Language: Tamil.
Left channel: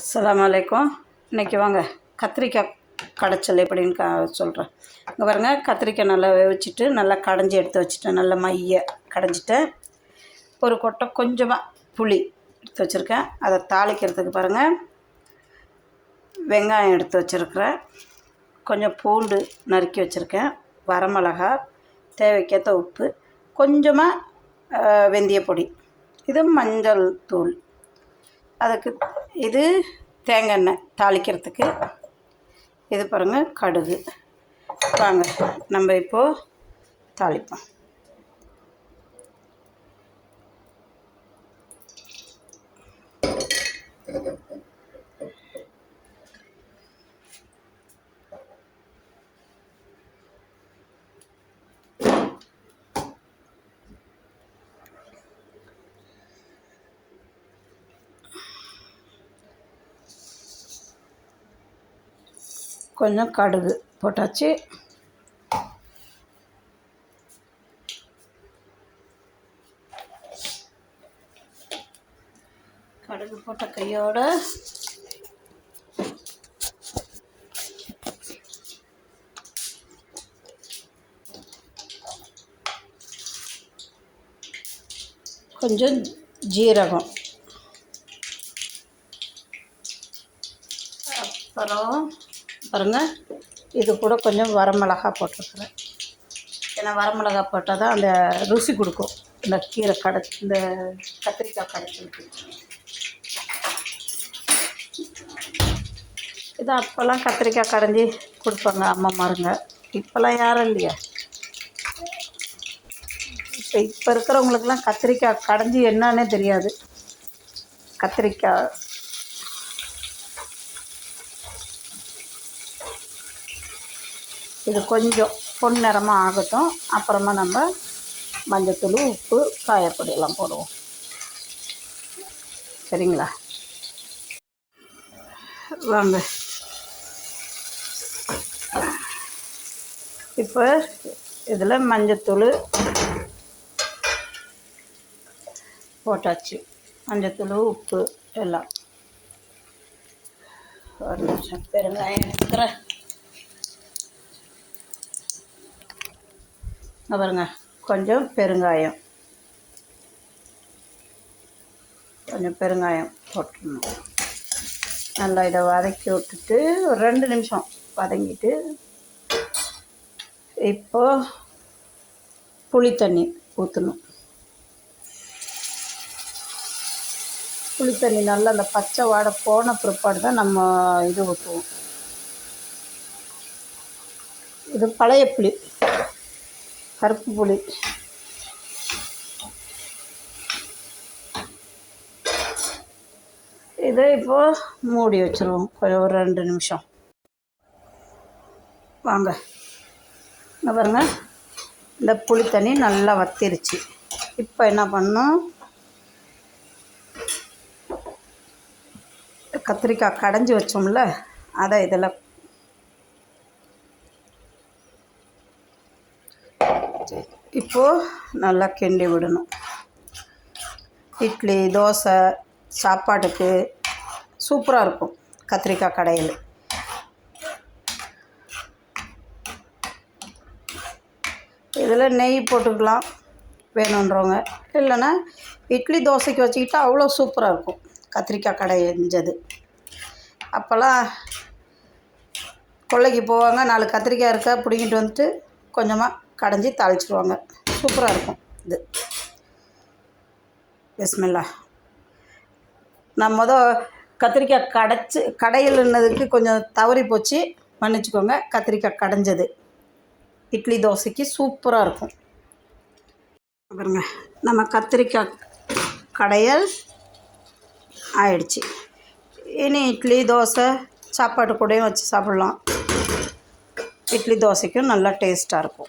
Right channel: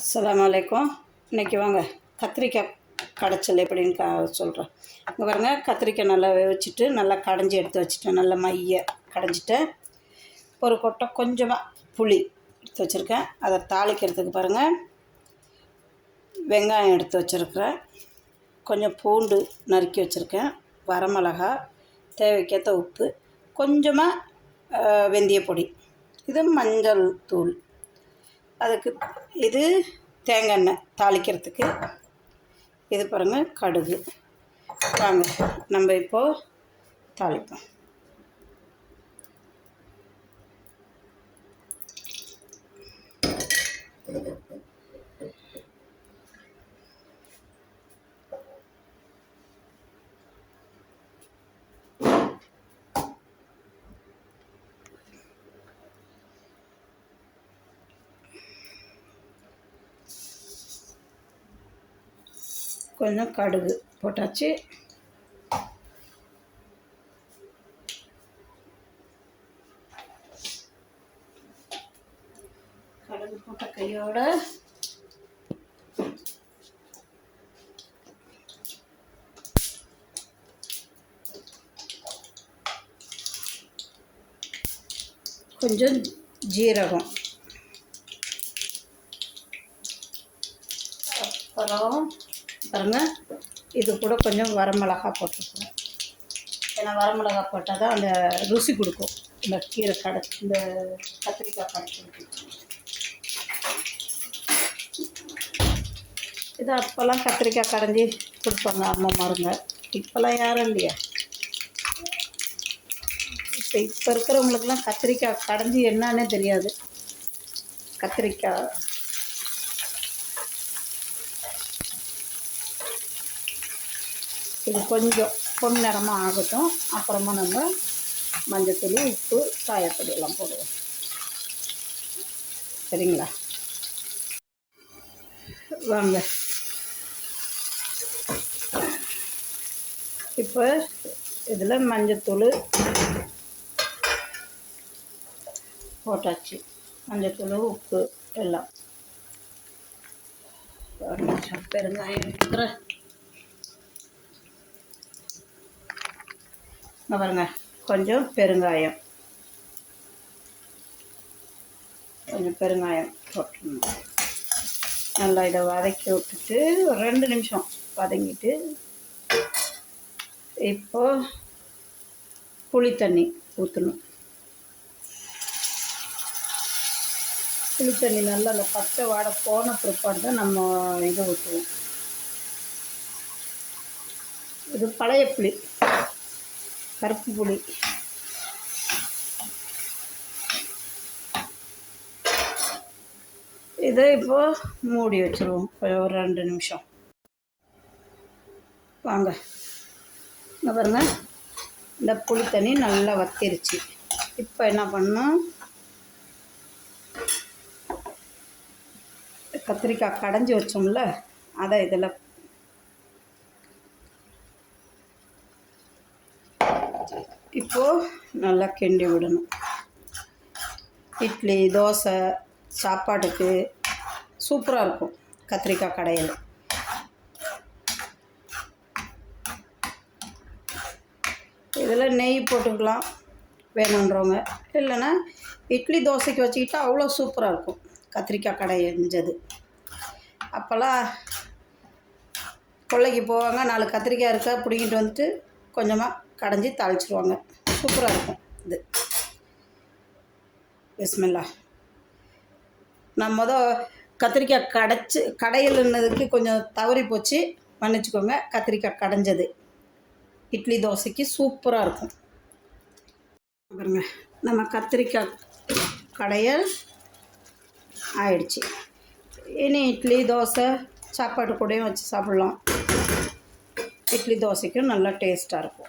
அஸ்லாம் அலைக்கும் இன்றைக்கி வாங்க கத்திரிக்காய் கடைச்சல் எப்படின்னு கா சொல்கிறேன் இங்கே பாருங்க கத்திரிக்காய் நல்லா வேவிச்சிட்டு நல்லா கடைஞ்சி எடுத்து வச்சுட்டேன். நல்லா மைய கடைஞ்சிட்டு ஒரு கொட்டை கொஞ்சமாக புளி எடுத்து வச்சுருக்கேன். அதை தாளிக்கிறதுக்கு பாருங்கள் வெங்காயம் எடுத்து வச்சுருக்கிறேன். கொஞ்சம் பூண்டு நறுக்கி வச்சுருக்கேன். வரமிளகா தேவைக்கேற்ற உப்பு கொஞ்சமாக வெந்தய பொடி இது மஞ்சள் தூள். அதுக்கு இது தேங்காய் எண்ணெய் தாளிக்கிறதுக்கு. இது பாருங்கள் கடுகு. வாங்க நம்ம இப்போது தாளிப்போம். கொஞ்சம் கடுகு போட்டாச்சு. கடுகு போட்ட கையோட கொஞ்சம் ஜீரகம் அப்புறம் பாருங்கள் இது கூட கொஞ்சம் வரமிளகா போட்டிருக்குறேன் ஏன்னா வரமிளகா போட்டால் தான் அந்த ருசி கொடுக்கும். இந்த கீரை கடை இந்த கத்திரிக்காய் கடைச்சிருக்கு இது அப்போல்லாம் கத்திரிக்காய் கடைஞ்சி கொடுப்பாங்க அம்மா மாருங்க. இப்போல்லாம் யாரும் இல்லையா. இப்போ இப்போ இருக்கிறவங்களுக்குலாம் கத்திரிக்காய் கடைஞ்சி என்னன்னே தெரியாது. கத்திரிக்காய் இது கொஞ்சம் பொன்னிறமாக ஆகட்டும். அப்புறமா நம்ம மஞ்சத்தூள் உப்பு காயப்பொடியெல்லாம் போடுவோம். சரிங்களா? வாங்க. இப்போ இதில் மஞ்சத்தூள் போட்டாச்சு. மஞ்சத்தூள் உப்பு எல்லாம். ஒரு நிமிஷம். பெருங்காயம் எடுத்துக்கிறேன். பாருங்க கொஞ்சம் பெருங்காயம். கொஞ்சம் பெருங்காயம் போட்டுடணும். நல்லா இதை வதக்கி விட்டுட்டு ஒரு ரெண்டு நிமிஷம் வதங்கிட்டு இப்போ புளி தண்ணி ஊற்றணும் புளி தண்ணி நல்லா அந்த பச்சை வாடை போன பிற்பாடு தான் நம்ம இது ஊற்றுவோம் இது பழைய புளி. கருப்பு புளி. இதை இப்போது மூடி வச்சுருவோம். ஒரு ரெண்டு நிமிஷம். வாங்க. இங்கே பாருங்க. இந்த புளி தண்ணி நல்லா வத்திருச்சு. இப்போ என்ன பண்ணும் கத்திரிக்காய் கடைஞ்சி வச்சோம்ல அதை இதில் இப்போது நல்லா கிண்டி விடணும். இட்லி தோசை சாப்பாட்டுக்கு சூப்பராக இருக்கும் கத்திரிக்காய் கடையில். இதில் நெய் போட்டுக்கலாம் வேணுன்றவங்க. இல்லைன்னா இட்லி தோசைக்கு வச்சுக்கிட்டா அவ்வளோ சூப்பராக இருக்கும் கத்திரிக்காய் கடை எரிஞ்சது. அப்போல்லாம் கொள்ளைக்கு போவாங்க நாலு கத்திரிக்காய் இருக்கா பிடிங்கிட்டு வந்துட்டு கொஞ்சமாக கடைஞ்சி தாளிச்சிருவாங்க. சூப்பராக இருக்கும். இது. பிஸ்மில்லா. நான் மொதல் கத்திரிக்காய் கடைச்சி கடையில்னதுக்கு கொஞ்சம் தவறி போச்சு. மன்னிச்சுக்கோங்க கத்திரிக்காய் கடைஞ்சது. இட்லி தோசைக்கு சூப்பராக இருக்கும். பாருங்க நம்ம கத்திரிக்காய் கடையல் ஆயிடுச்சு. இனி இட்லி தோசை சாப்பாட்டு கூடயும் வச்சு சாப்பிட்லாம். இட்லி தோசைக்கும் நல்லா டேஸ்ட்டாக இருக்கும்.